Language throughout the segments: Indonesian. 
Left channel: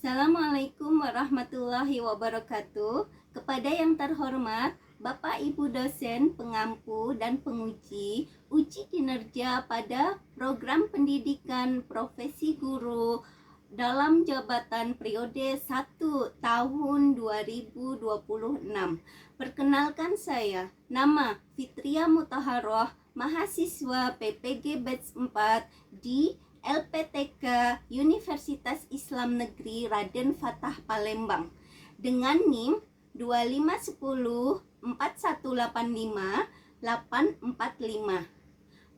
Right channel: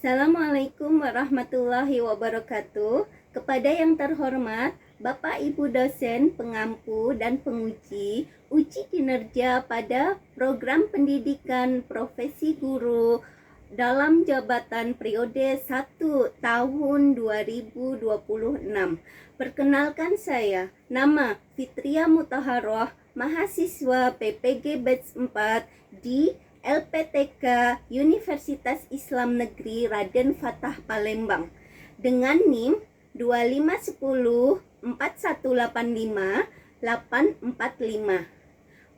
Assalamualaikum warahmatullahi wabarakatuh. Kepada yang terhormat Bapak Ibu dosen, pengampu, dan penguji uji kinerja pada program pendidikan profesi guru dalam jabatan periode 1 tahun 2026. Perkenalkan saya, nama Fitria Mutahharoh, mahasiswa PPG Batch 4 di LPTK Universitas Islam Negeri Raden Fatah Palembang dengan NIM 2510 4185 845.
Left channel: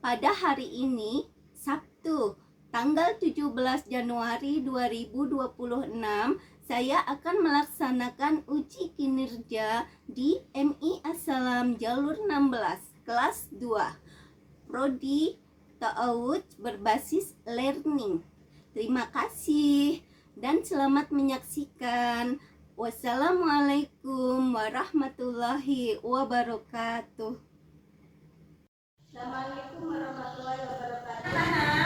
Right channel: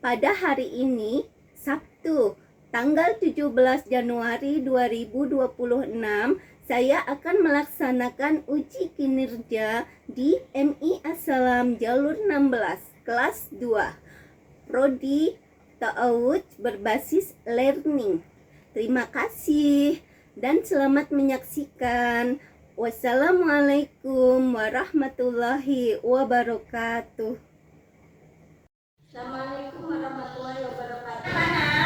Pada hari ini, Sabtu, tanggal 17 Januari 2026, saya akan melaksanakan uji kinerja di MI Assalam Jalur 16, kelas 2, Prodi Ta'awud berbasis learning. Terima kasih dan selamat menyaksikan. Wassalamualaikum warahmatullahi wabarakatuh. Assalamualaikum warahmatullahi wabarakatuh.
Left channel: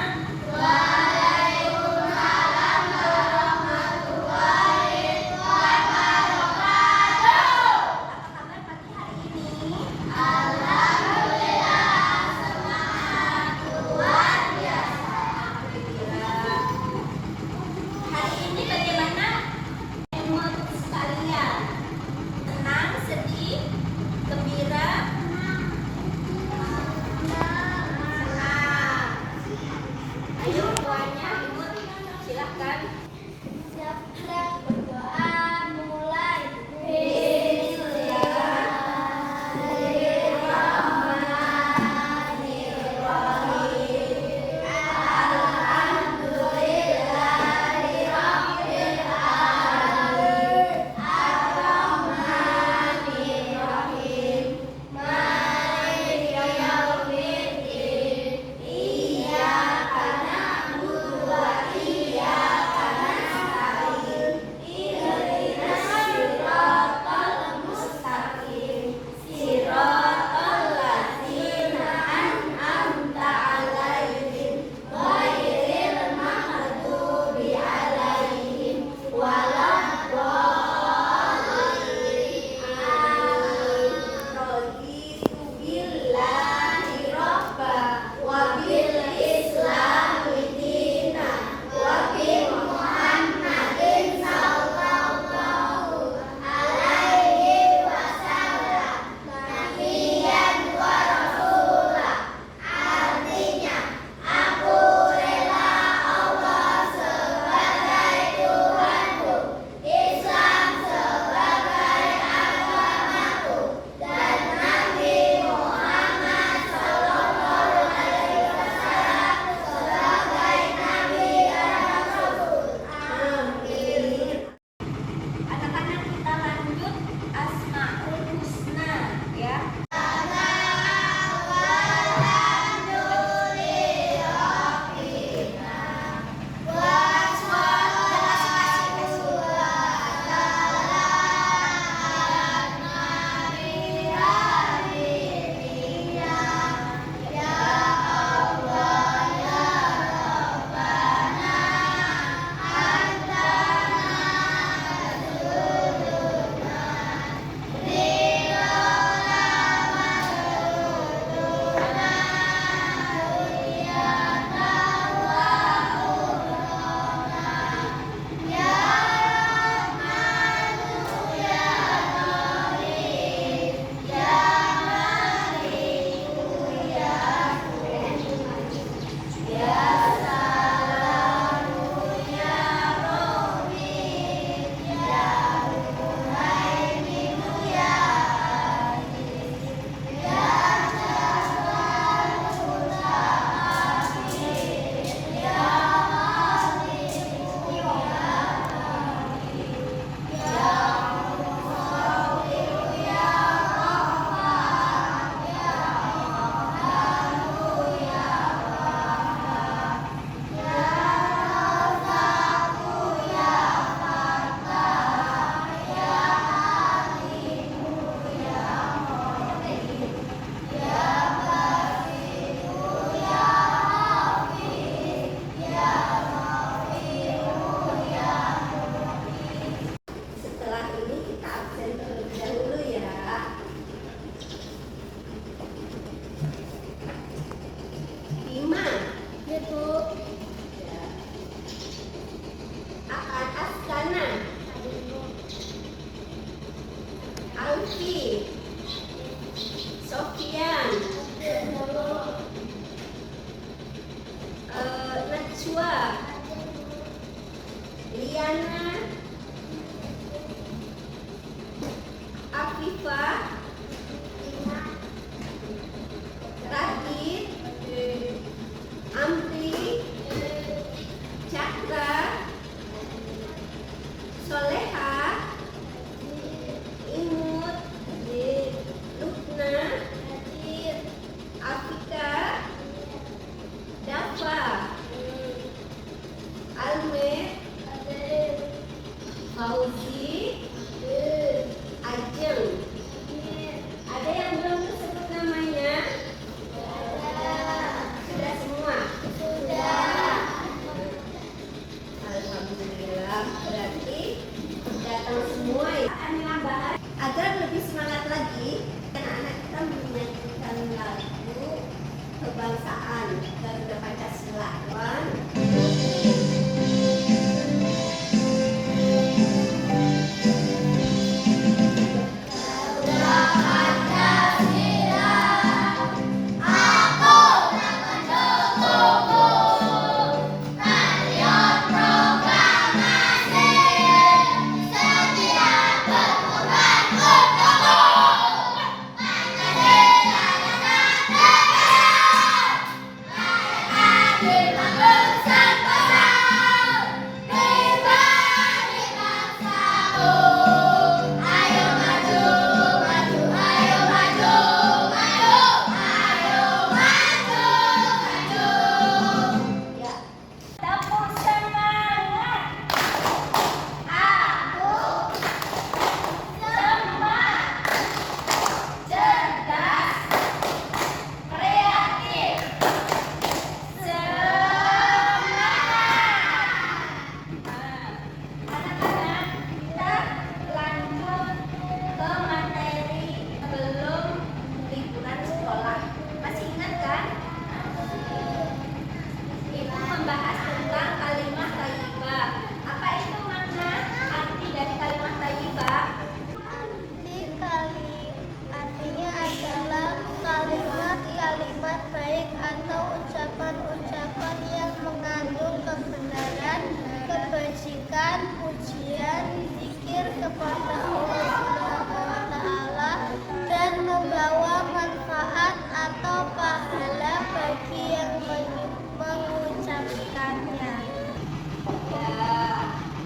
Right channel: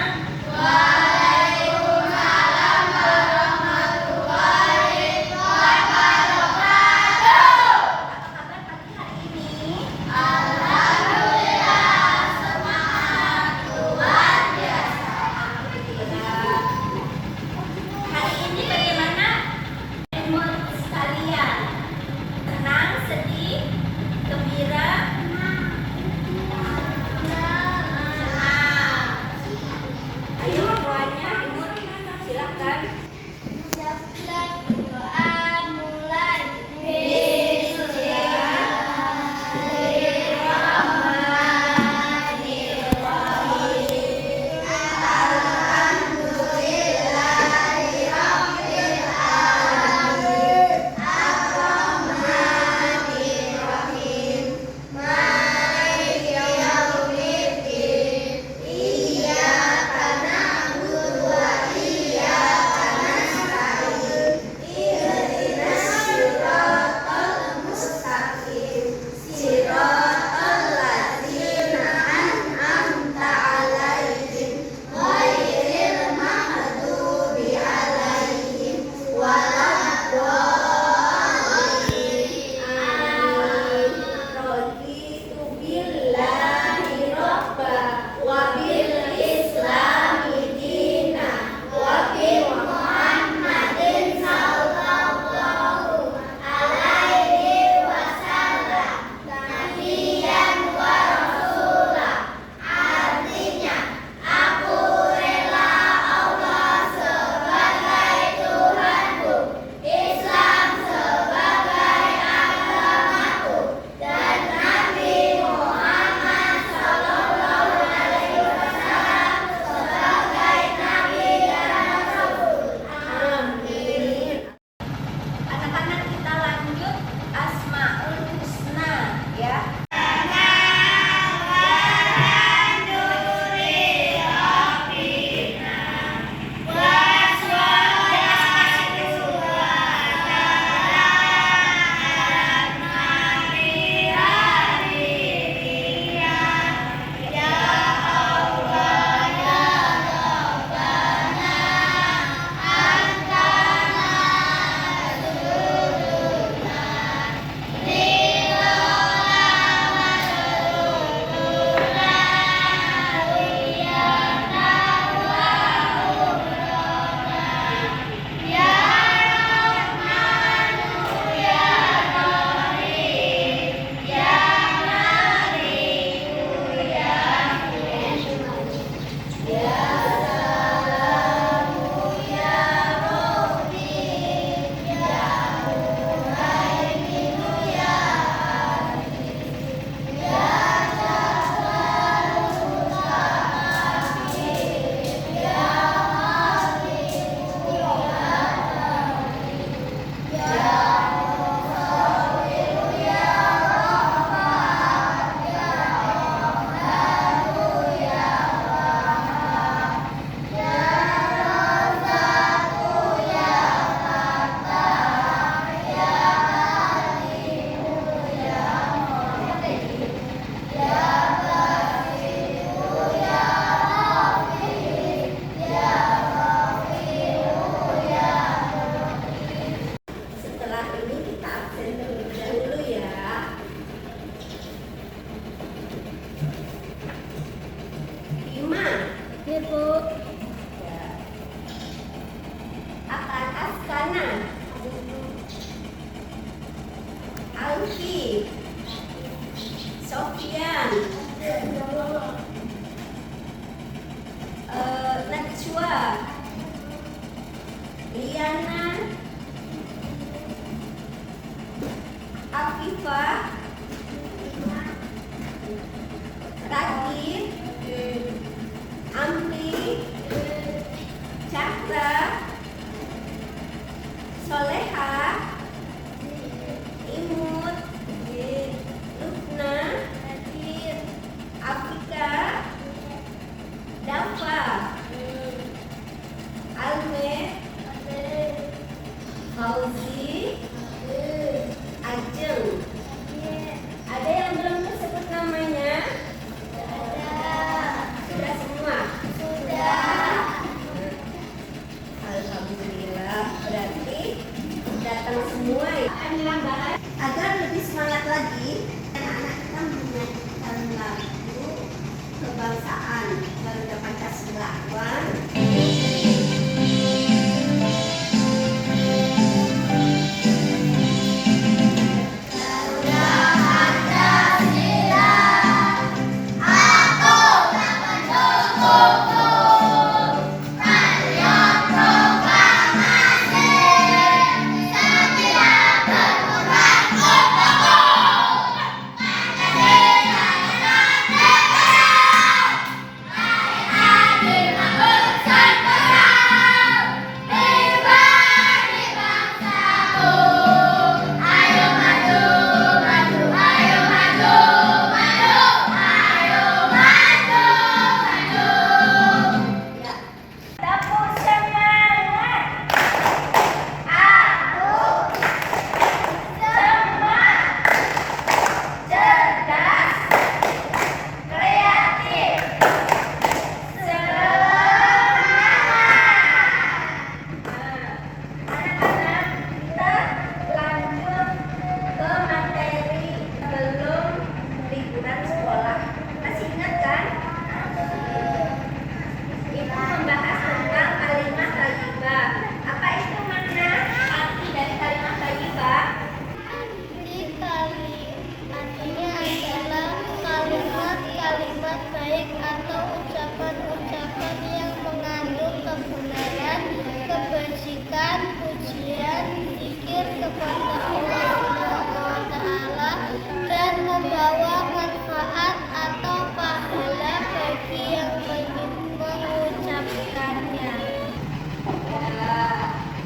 kebajikan, pujian, zikir kepada Allah Subhanahu wa Ta'ala, dan membawa manfaat atau pahala bagi yang mengucapkannya.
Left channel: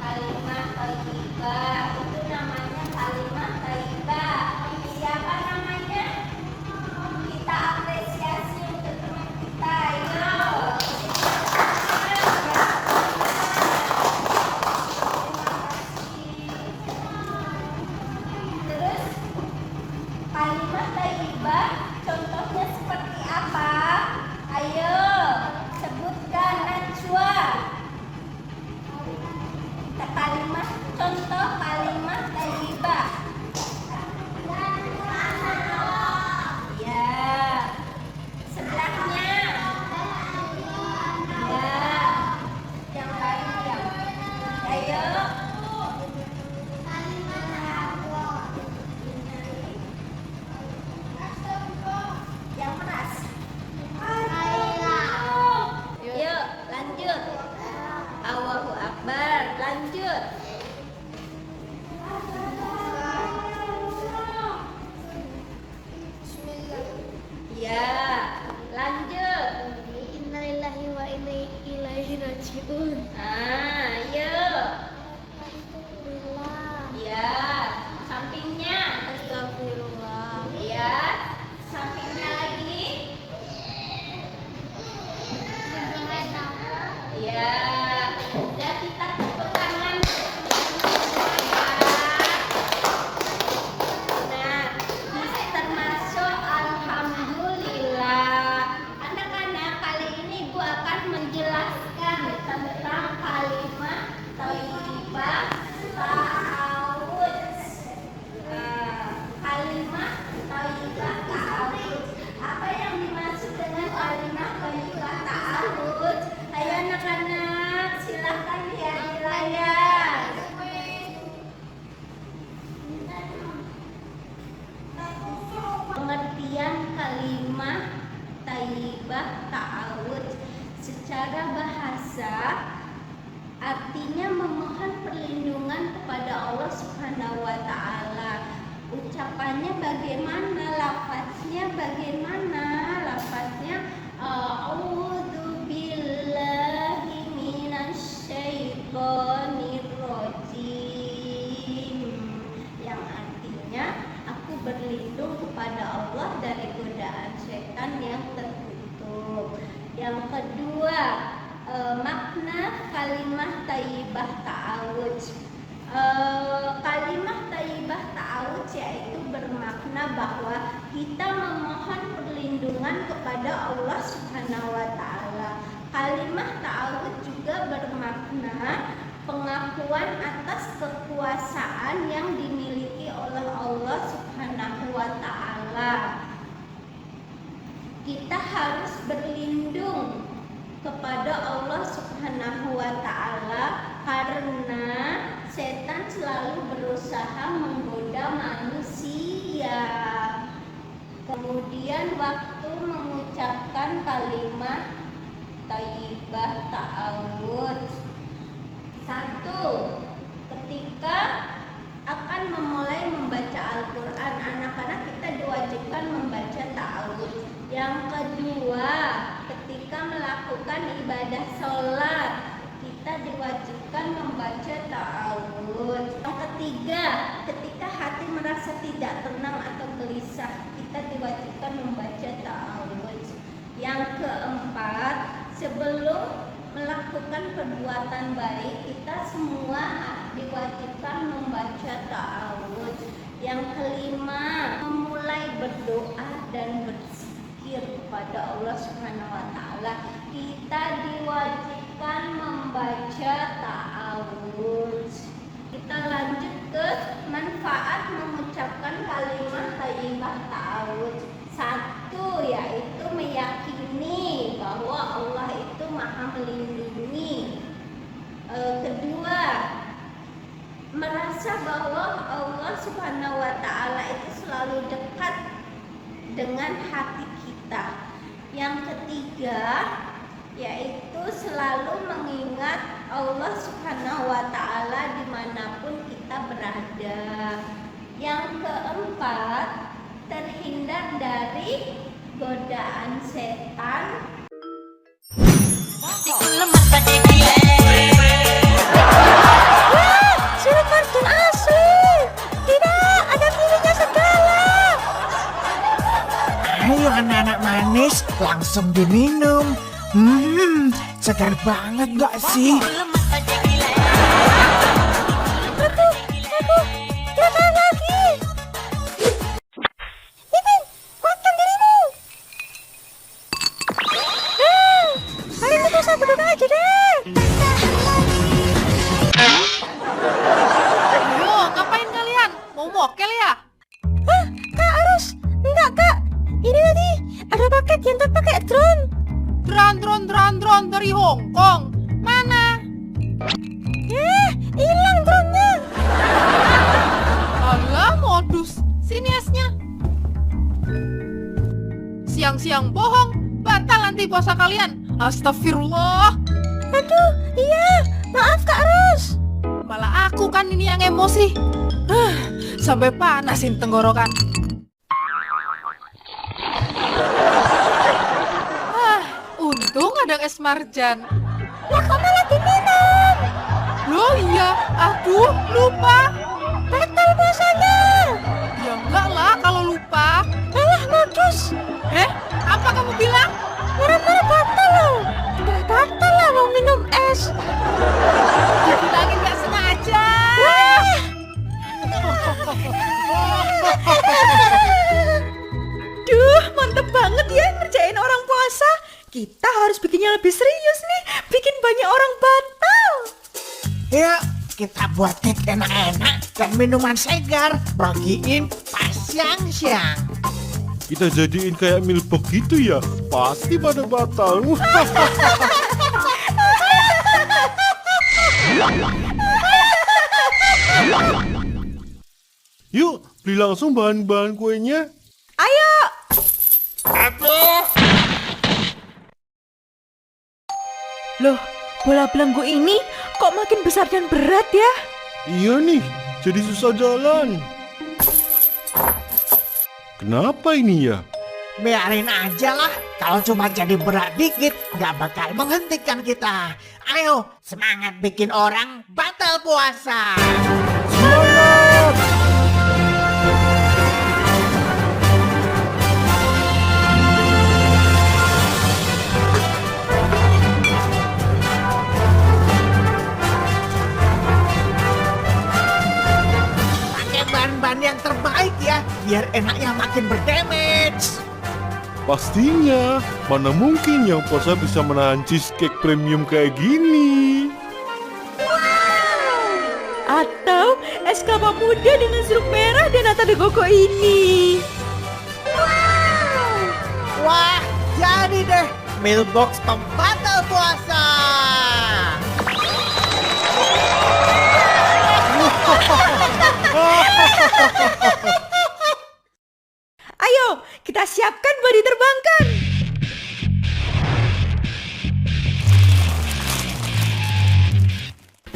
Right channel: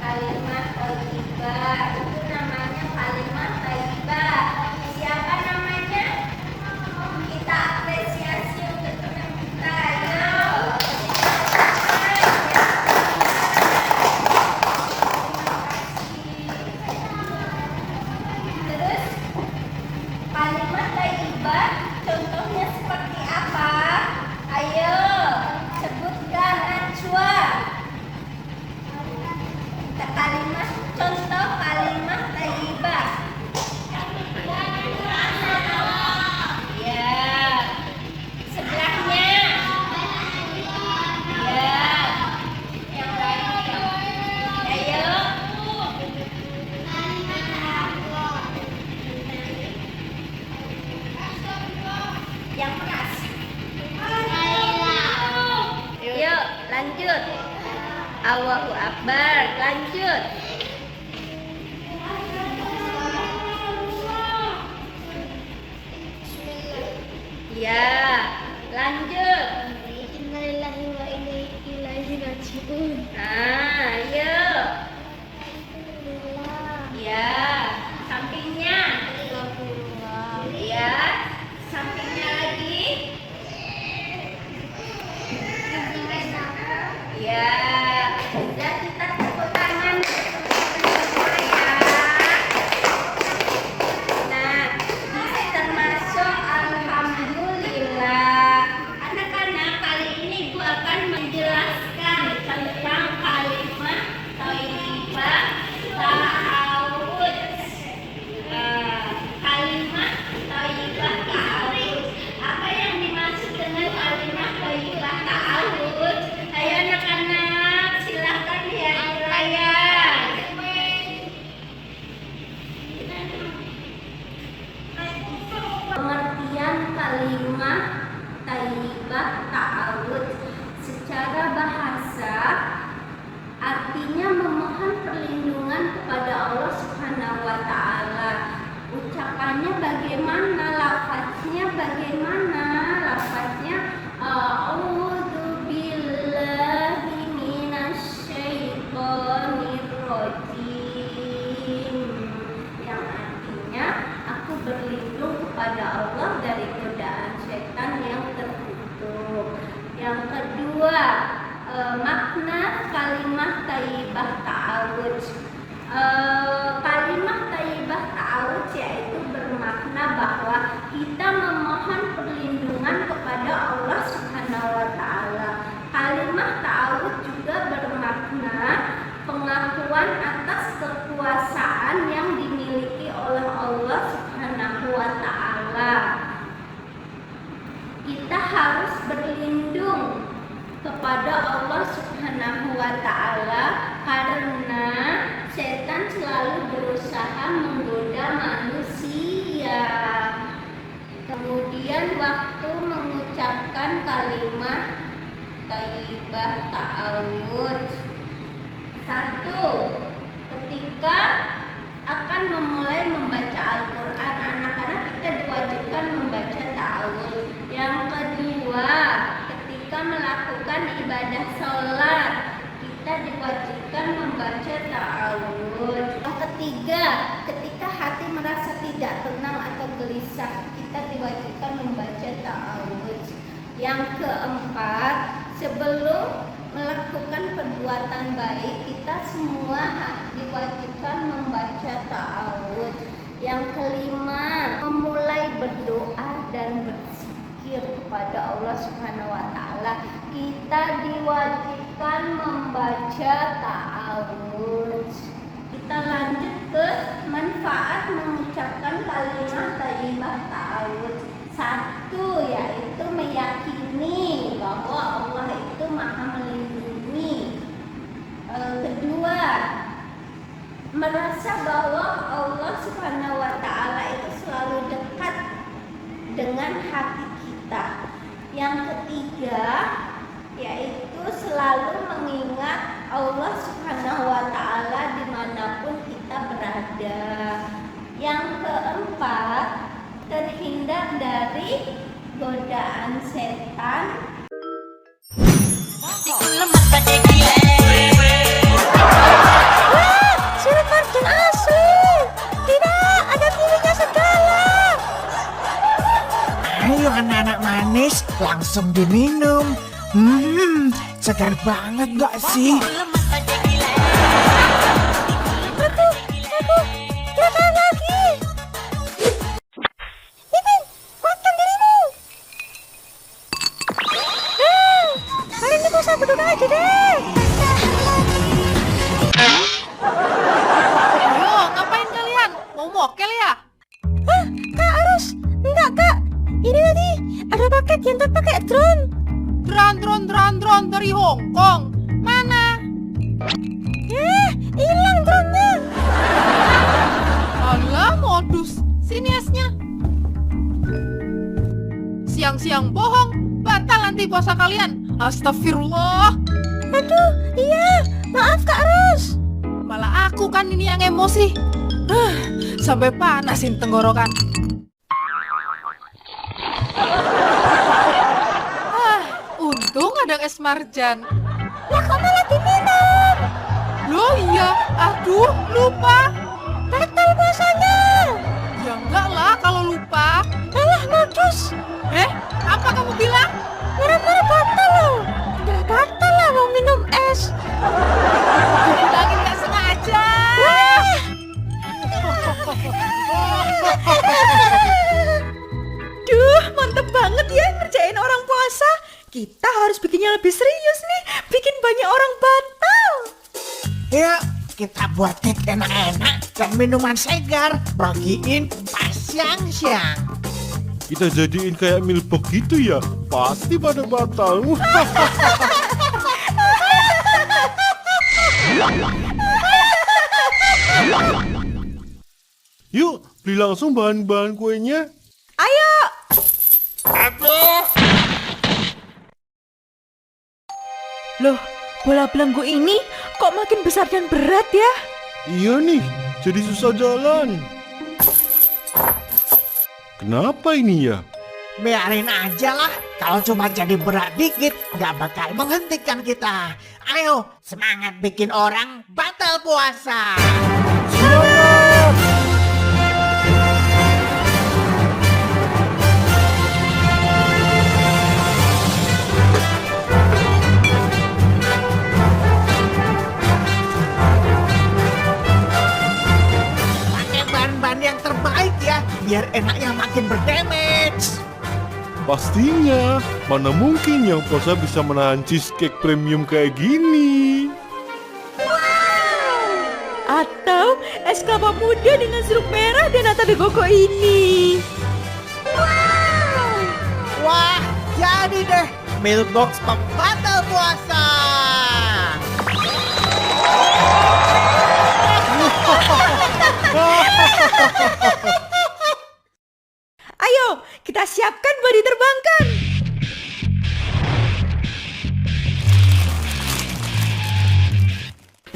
Kalimat thayyibah itu namanya kalimat thayyibah. Siapa namanya? Kita apresiasi untuk teman kita. Ayo. Terus kalimat thayyibah contohnya seperti apa? Ayo sebutkan Najwa. Kalimat contoh kalimat thayyibah. Ya. Sebelahnya. Ya. Yang lain. Ayo. Yang keras. Yuk, lanjut. Allahu Akbar. Lanjut. Ya, lanjut. Innalillahi wa inna ilaihi raji'un. Yuk. Alhamdulillah. Ya, sampingnya. Astagfirullah. Ya, sampingnya lagi. Ya, sudah kita tepuk tangan. Nah, ini termasuk alhamdulillah. Anak-anak, kali ini Ibu akan menjelaskan tentang kalimat thayyibah ta'awud. Kalimat thayyibah ta'awud. Apa yang dimaksud dengan kalimat thayyibah ta'awud? Ayo anak-anak, silakan dilayar. Pengertian kalimat thayyibah ta'awud secara bahasa artinya memohon perlindungan kepada Allah Subhanahu wa Ta'ala. Ucapannya bagaimana? Lafaznya bagaimana? Lafaznya a'udzu billahi minasyaitonir rajim, yang artinya aku berlindung kepada Allah dari godaan setan yang terkutuk. Yang kedua, makna kalimat thayyibah ta'awud. Kalimat thayyibah ta'awud yaitu bermakna bahwa kita memohon perlindungan kepada Allah Subhanahu wa Ta'ala. Kalimat ta'awud juga bermakna pengakuan atas kekuasaan yang dimiliki oleh Allah Subhanahu wa Ta'ala. Kita harus berlindung kepada Allah Subhanahu wa Ta'ala karena setan selalu berusaha menggoda manusia. Kemudian waktu mengucapkan kalimat thayyibah ta'awud. 1. Ketika akan memulai membaca Al-Quran, anak-anak kita diwajibkan membaca ta'awud. Yang kedua, ketika melakukan ibadah sholat, kita diwajibkan membaca ta'awud. Yang ketiga, ketika hati merasa tidak tenang atau gelisah, kita diwajibkan membaca ta'awud. Yang keempat, sebelum melakukan perbuatan baik, kita semua diwajibkan membaca ta'awud. Yang kelima, memulai berdoa dan berzikir kepada Allah Subhanahu wa Ta'ala, kita diwajibkan membaca ta'awud. Kita lanjut ke manfaat mengucapkan kalimat thayyibah ta'awud. 1, yaitu meyakini bahwa Allah itu Maha melindungi. Kedua, merasa bahwa Allah Subhanahu wa Ta'ala itu selalu dekat dengan hati kita. Yang ketiga, yaitu selalu mengingat Allah Subhanahu wa Ta'ala dimanapun kita berada. Yang keempat, terhindar dari godaan setan. Wah, sirup marjan asli. Tidak ada pilihnya segala. Ayo anak-anak manis, langsung diminum. Segar banget gak sih? Aku, jangan lagi. Ipin, kuatkan dirimu. Hari ini bisa berdua aja deh. Ayo, ngapain kalian? Mau mokel ya? Hah, Kak Arus? Enggak, Kak. Ini tadi ada paket yang terpakai drone. Drone dari Hong Kong. Mana? Hilang drone-nya. Alah, modus. Sini esnya. Siang-siang bohong, batal nanti puasa kalian. Astagfirullah. Aduh, iya. Maaf, Kak Arus. Malah aku kan ini yang emosi. Sampai panasin tenggorokan. Untung ada es marjan. Lah, kok malah diminum? Loh iya, aduh lupa. Batal puasanya. Ya enggak lah kalau lupa. Alah, modus. Apa kamu bilang? Marah-marah batal loh. Nggak batal lah mau minum es. Dibilangin nggak sengaja. Duh, mantep banget ya ngerjain orang puasa. Kita harus bikinnya lebih serius nih. Bikin banyak orang batal. Yuk, kita buat cake enak-enak dan minuman segar. Bagiin pas siang-siang. Kita jadiin kayak milbok gitu ya. Pasti pada batal. Yuk, beli langsung bahan-bahan kuenya. Ayo. Loh, bola belenggu ini kok makin besar dan berat ya? Iya nih, jadi susah jalan. Kenapa ini ya? Biarin aja lah. Kalau cuma jadi berat dikit, nggak bakal menghentikan kita. Ayo, semangat bikin orang batal puasa. Semangat! Pakai bahan-bahan yang terbaik ya, biar enaknya makin berdamage. Pastinya, mana mungkin yang puasa bisa menahan cheesecake premium kayak gini. Atau es kelapa muda dengan sirup merah dan nata de coco ini. Wah, jadi deh Milbox pembatal puasa. Ayo, kita siapkan buat diterbangkan.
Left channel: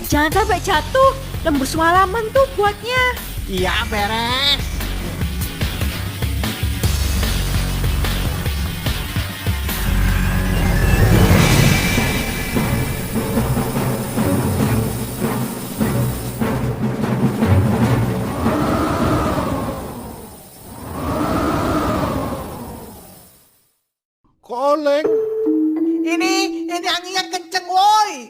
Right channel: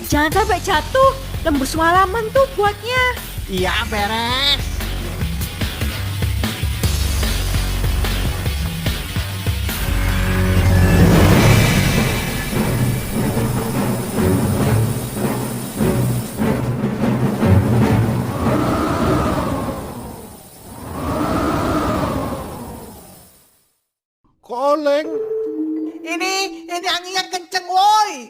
Jangan sampai jatuh, lembur semalaman tuh buatnya. Iya, beres. Koleng. Ini anginnya kenceng woi.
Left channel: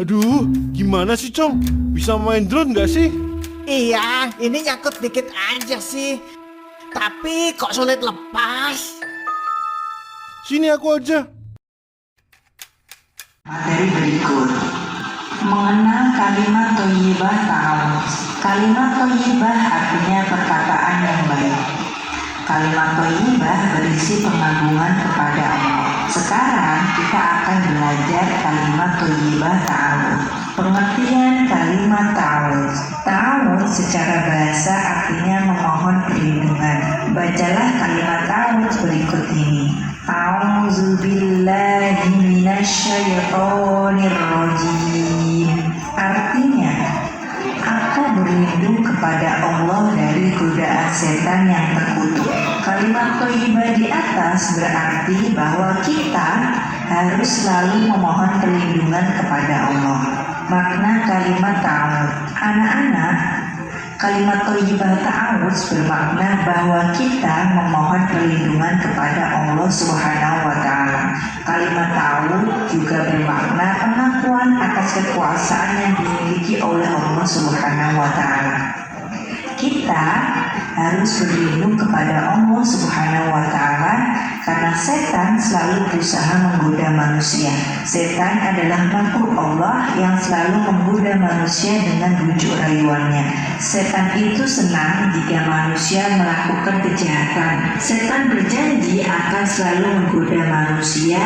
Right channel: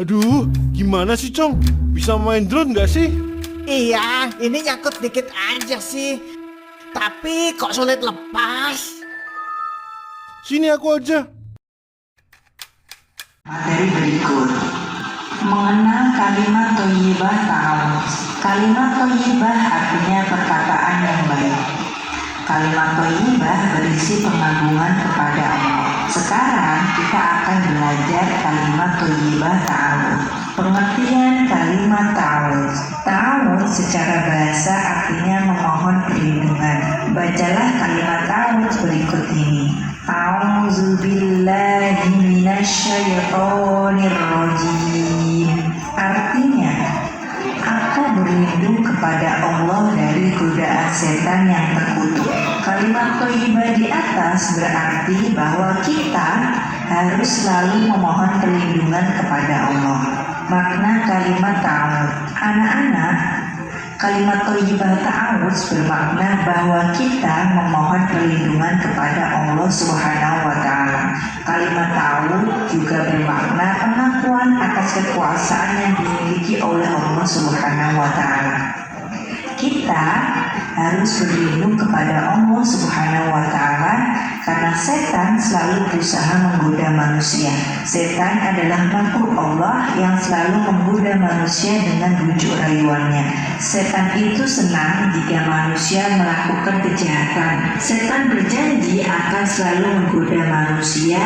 Aduh, gimana sih Cong? Bisa main drone nggak sih? Iya, ini nyangkut dikit aja sih. Tapi kok sulit lepas. Sini aku aja. Materi berikut. Mengenal kalimat thayyibah ta'awuz. Kalimat thayyibah artinya perkataan yang baik. Kalimat thayyibah berisi pengagungan kepada Allah. Sekarang kita akan belajar kalimat thayyibah ta'awuz. Pengertian kalimat ta'awuz. Ta'awuz secara bahasa artinya memohon perlindungan, bacalah kalimat ta'awudz berikut ini. A'udzubillahi minasyaitonirrajim. Artinya, aku berlindung kepada Allah dari godaan setan yang terkutuk. Kalimat thayyibah di atas berarti bahwa kita harus selalu memohon perlindungan kepada Allah. Makna kalimat ta'awudz. Anak-anak, kalimat thayyibah ta'awudz bermakna bahwa kita memohon perlindungan kepada Allah Subhanahu wa taala. Kalimat ta'awudz juga bermakna pengakuan atas kekuasaan yang dimiliki oleh Allah Subhanahu wa taala. Kita harus berlindung kepada Allah Subhanahu wa taala karena setan selalu berusaha menggoda manusia. Setan adalah makhluk Allah yang selalu menggoda manusia dengan bujuk rayuannya. Setan itu senang jika manusia melakukan kejahatan. Setan berjanji akan selalu menggoda manusia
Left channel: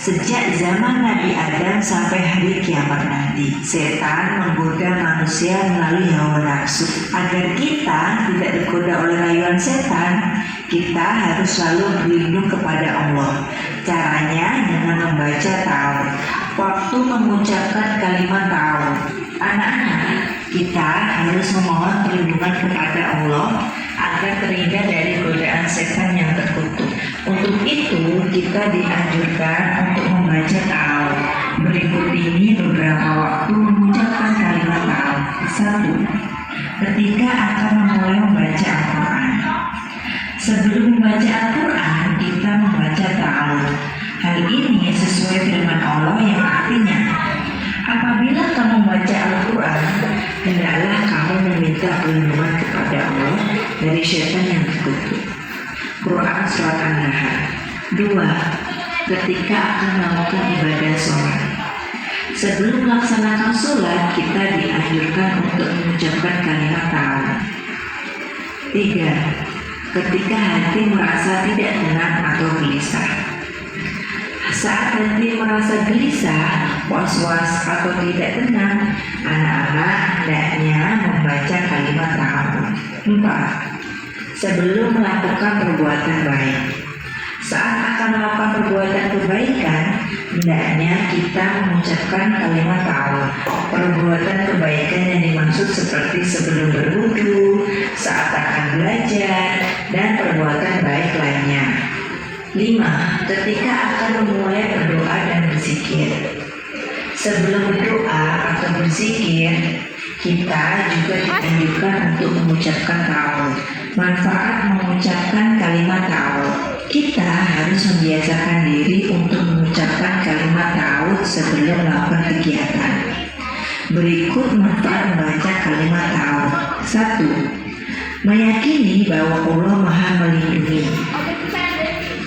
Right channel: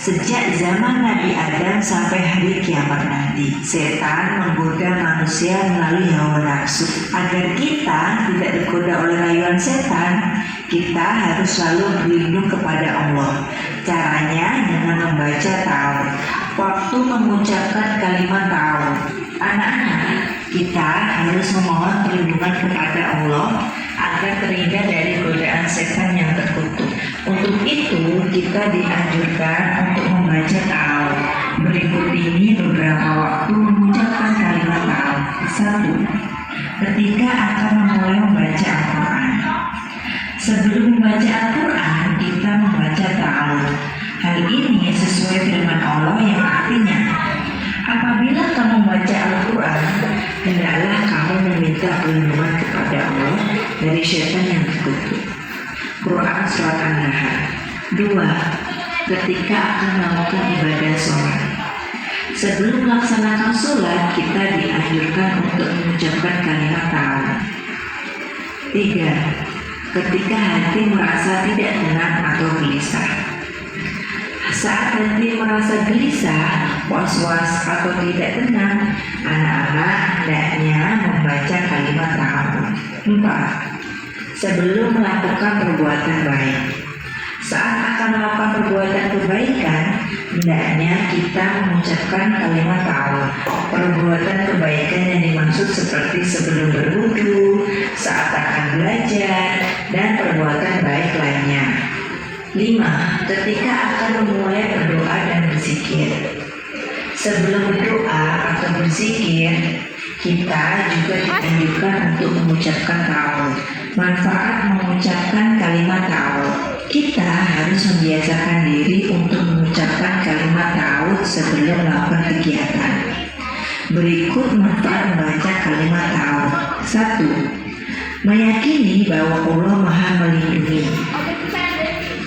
sejak zaman Nabi Adam sampai hari kiamat nanti. Setan menggoda manusia melalui hawa nafsu. Agar kita tidak tergoda oleh rayuan setan, kita harus selalu berlindung kepada Allah. Caranya dengan membaca ta'awudz. Waktu mengucapkan kalimat ta'awudz, anak-anak, kita harus memohon perlindungan kepada Allah agar terhindar dari godaan setan yang terkutuk. Untuk itu, kita dianjurkan untuk membaca ta'awudz. Berikut ini beberapa waktu mengucapkan kalimat ta'awudz. 1. Ketika akan memulai membaca Al-Quran. Sebelum membaca Al-Quran, kita membaca ta'awudz. Hal ini sesuai firman Allah yang artinya, apabila kamu membaca Al-Quran, hendaklah kamu meminta perlindungan kepada Allah dari syaitan yang terkutuk. Quran Surat An-Nahl. 2. Ketika akan melakukan ibadah sholat. Sebelum melaksanakan sholat, kita dianjurkan untuk mengucapkan kalimat ta'awudz. 3. Ketika hati merasa tidak tenang atau gelisah. Saat hati merasa gelisah, was-was atau tidak tenang, anak-anak hendaknya membaca kalimat ta'awudz. 4. Sebelum melakukan perbuatan baik. Saat akan melakukan perbuatan kebaikan, hendaknya kita mengucapkan kalimat ta'awudz. Perbuatan kebaikan yang dimaksud seperti sebelum berwudu, saat akan belajar, dan perbuatan baik lainnya. 5. Ketika akan memulai berdoa dan berzikir. Sebelum berdoa atau berzikir, kita juga dianjurkan untuk mengucapkan ta'awudz. Manfaat mengucapkan kalimat ta'awudz. Kita harus membiasakan diri untuk mengucapkan kalimat ta'awudz sebelum melakukan kegiatan. Berikut manfaat membaca kalimat ta'awudz. 1. Meyakini bahwa Allah Maha Melindungi.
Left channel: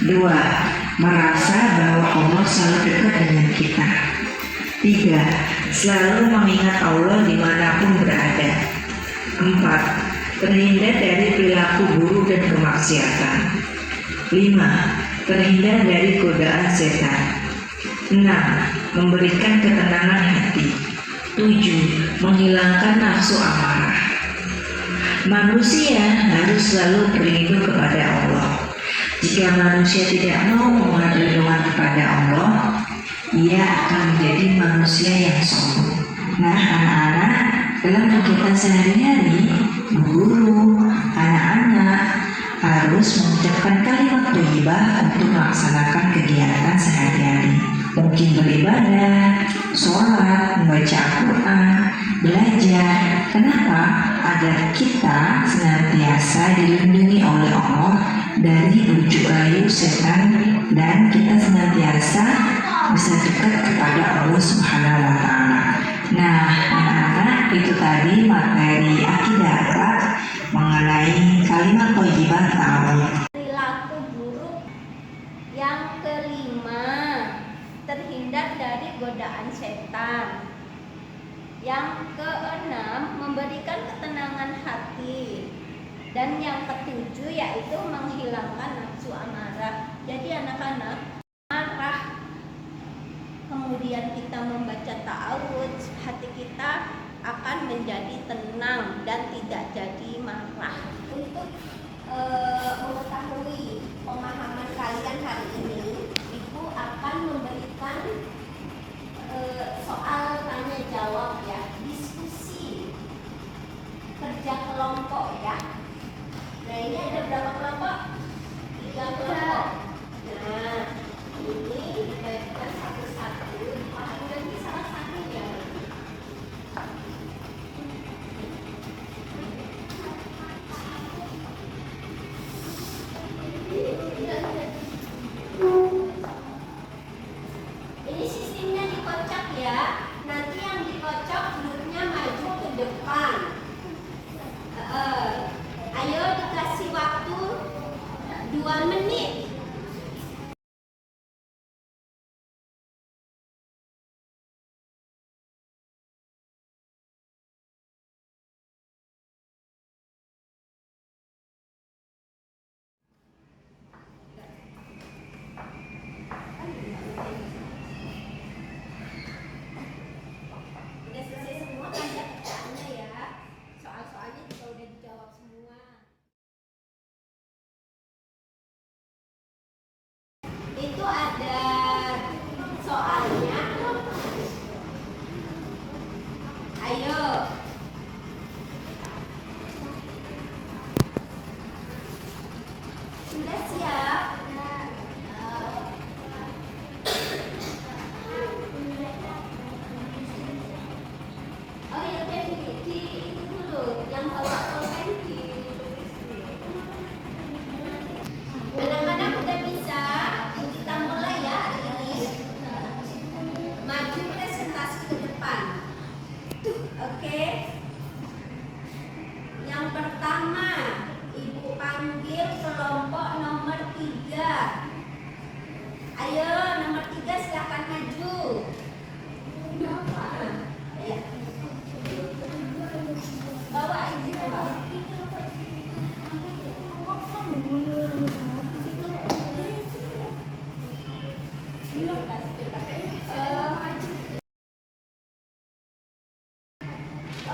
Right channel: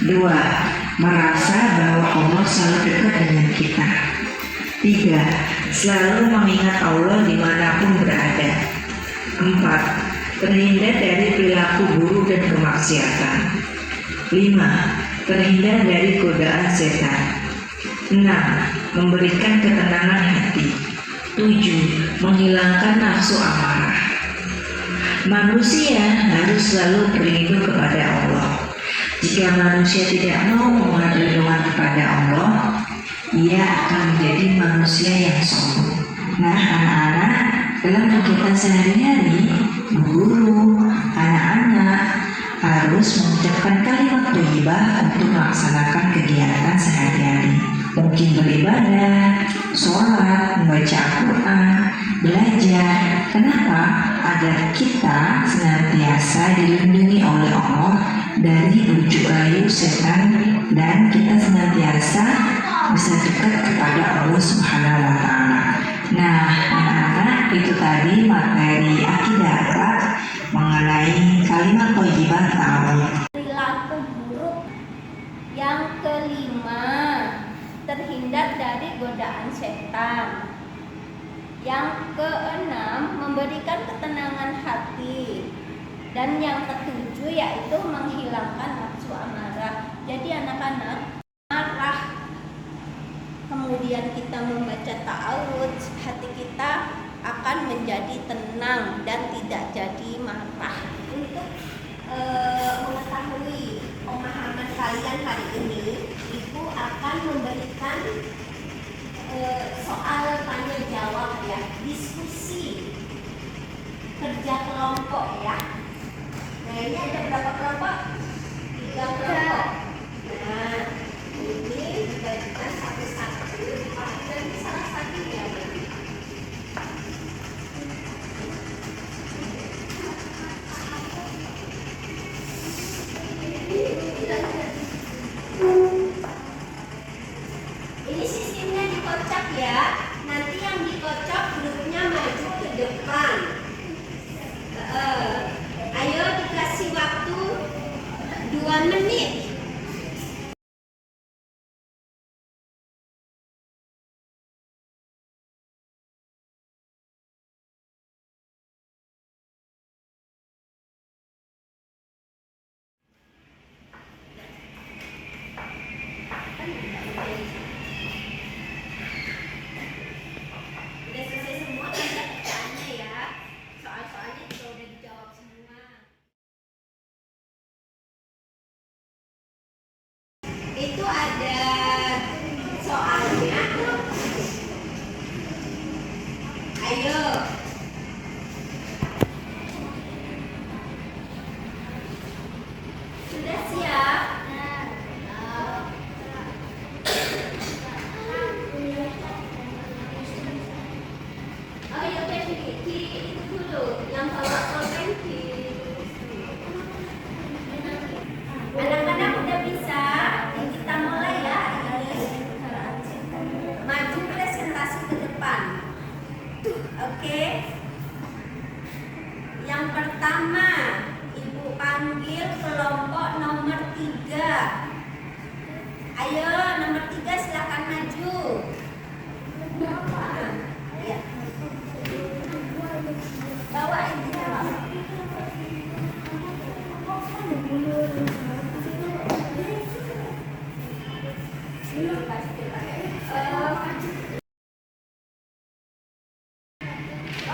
2. Merasa bahwa Allah selalu dekat dengan kita. 3. Selalu mengingat Allah dimanapun berada. 4. Terhindar dari perilaku buruk dan kemaksiatan. 5. Terhindar dari godaan setan. 6. Memberikan ketenangan hati. 7. Menghilangkan nafsu amarah. Manusia harus selalu berlindung kepada Allah. Jika manusia tidak mau memohon perlindungan kepada Allah, ia akan menjadi manusia yang sombong. Nah, anak-anak, dalam kegiatan sehari-hari, guru, anak-anak harus mengucapkan kalimat thayyibah untuk melaksanakan kegiatan sehari-hari. Mungkin beribadah, sholat, membaca Al-Quran, belajar. Kenapa? Agar kita senantiasa dilindungi oleh Allah dari bujuk rayu setan dan kita senantiasa bisa dekat kepada Allah Subhanahu wa taala. Nah, anak-anak, itu tadi materi akidah akhlak mengenai kalimat thayyibah ta'awudz. Perilaku buruk. Yang kelima, terhindar dari godaan setan. Yang keenam, memberikan ketenangan hati. Dan yang ketujuh yaitu menghilangkan nafsu amarah. Jadi anak-anak, marah kemudian kita membaca ta'awudz, hati kita akan menjadi tenang dan tidak jadi marah. Untuk pelajaran hari ini, Ibu akan memberikan soal tanya jawab ya, diskusi, kerja kelompok ya. Nah ini ada berapa kelompok? 3 kelompok. Nah ini dibagikan satu-satu. Nanti salah satu ya. Ini sistemnya dikocok ya. Nanti yang dikocok duduknya maju ke depan. Ayo dikasih waktu 2 menit. Udah selesai semua kan bacaannya ya. Soal-soalnya juga udah dijawab semua. Itu ada soalnya. Ayo. Sudah siap? Oh ya udah di itu dulu yang bawa pulpen di anak-anak udah bisa, kita mulai ya hari ini. Maju presentasi ke depan. Oke. Yang pertama, Ibu panggil kelompok nomor 3. Ayo nomor 3 silakan maju. Ya. Bawa aja.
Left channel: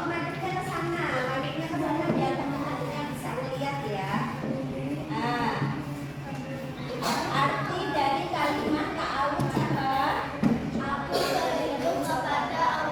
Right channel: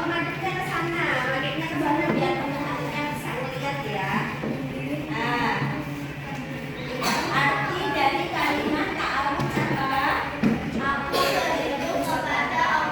Madepnya ke sana, biar teman-temannya bisa melihat ya. Nah, arti dari kalimat ta'awud apa? Aku berlindung kepada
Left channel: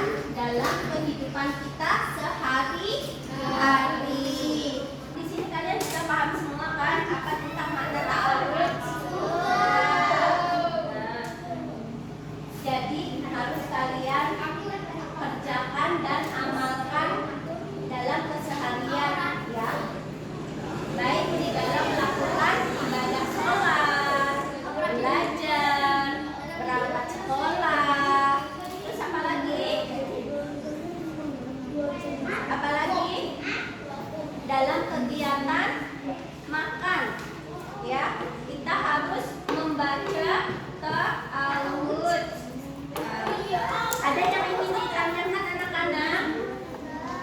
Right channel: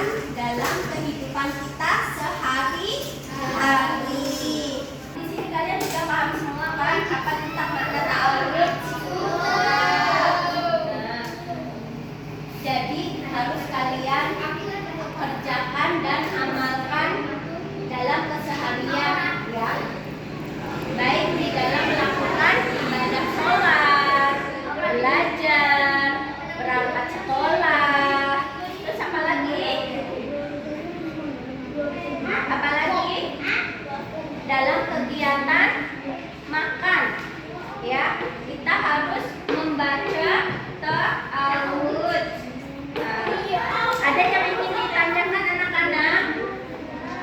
berperan dalam kehidupan kita sehari-hari. Di sini kalian sudah paham semua kan apa tentang makna ta'awud? Jadi harus kalian kerjakan dan amalkan dalam keseharian ya. Baik di dalam melakukan ibadah sholat, belajar, berangkat sekolah, terus apa lagi? Apalagi dalam kegiatan makan ya, kita harus membaca ta'awud. Ada yang ingin ditanyakan anak-anak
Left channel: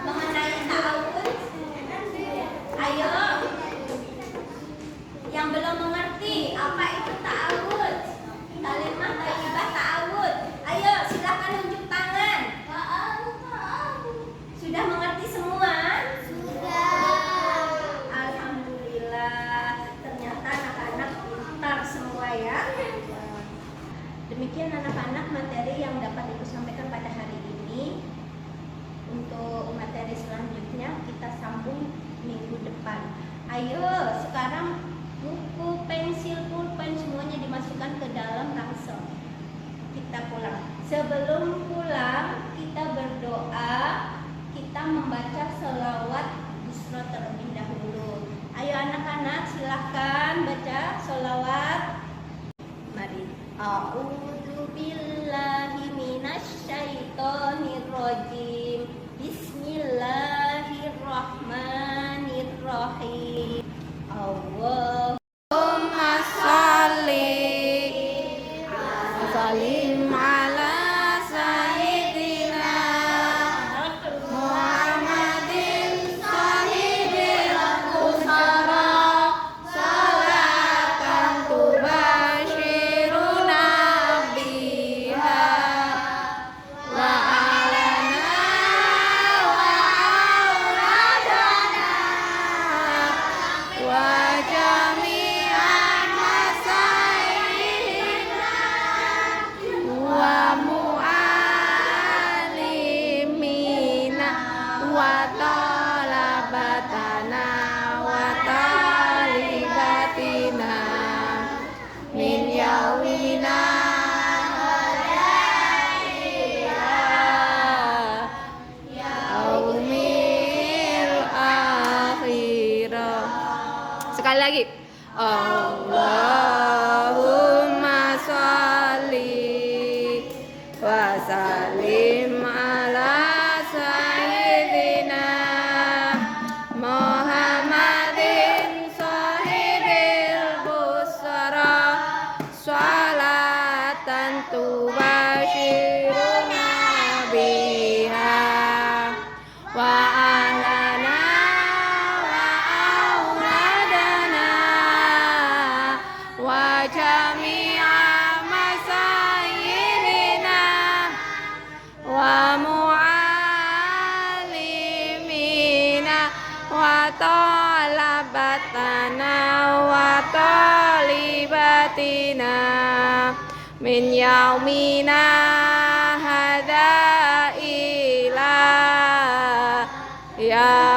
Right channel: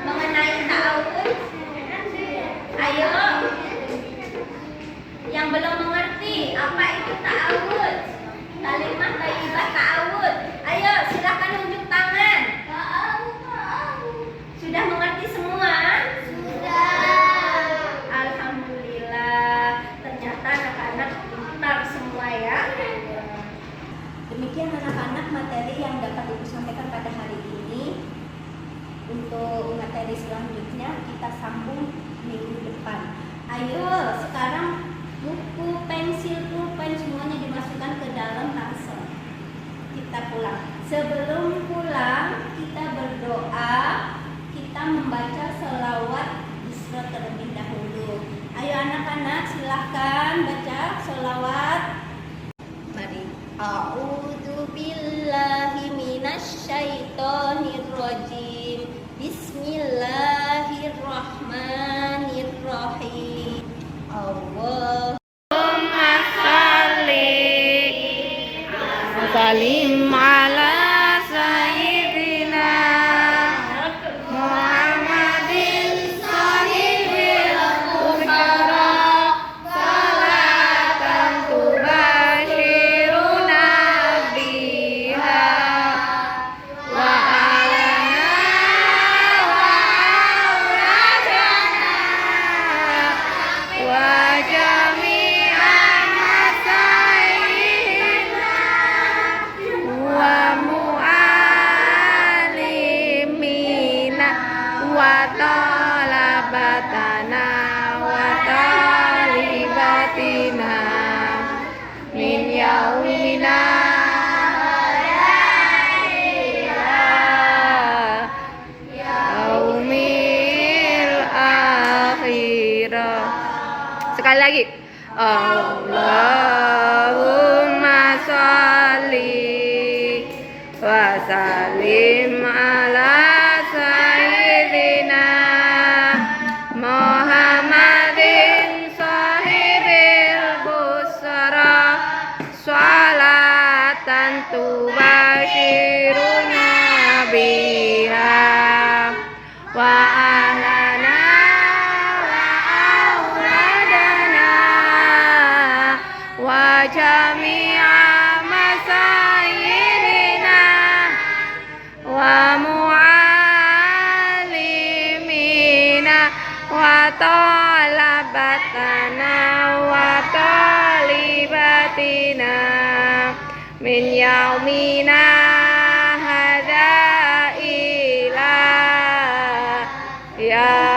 mengenai ta'awud? Ayo, yang belum mengerti apa itu ta'awud, kalimat thayyibah ta'awud, ayo silakan unjuk tangan. Sudah mengerti semua? Alhamdulillah, ternyata anak-anak pintar semua ya. Demikian anak-anak materi yang dapat Ibu sampaikan pada hari ini. Untuk materi selanjutnya kita sambung minggu depan. Ayo sekarang buku, pensil, pulpen semuanya dimasukkan ke dalam ransel. Kita pulang. Sebelum pulang kita berdoa, kita membaca selawat Isra terlebih dahulu. Ayo anak-anak silahkan baca selawat. Mari. A'udzu billahi minasyaitonir rajim. Bismillahirrahmanirrahim. Allahumma shalli wa sallim ala sayyidina Muhammadin sahibil busyara salatan tubashiruna biha wa alana wa auladana wa jami'an masaihina wa mu'alimina wa talabatana wa talibatina min yaumina yaumil akhirah. Sekali lagi. Allahumma sholli wa sallim ala sayyidina Muhammadin sahibil busra salatan tubashiruna biha wa ahlana wa auladana wa jami'a masayyidina wa mu'alimina wa talabatana wa talibatina min yaumina hadza ila ya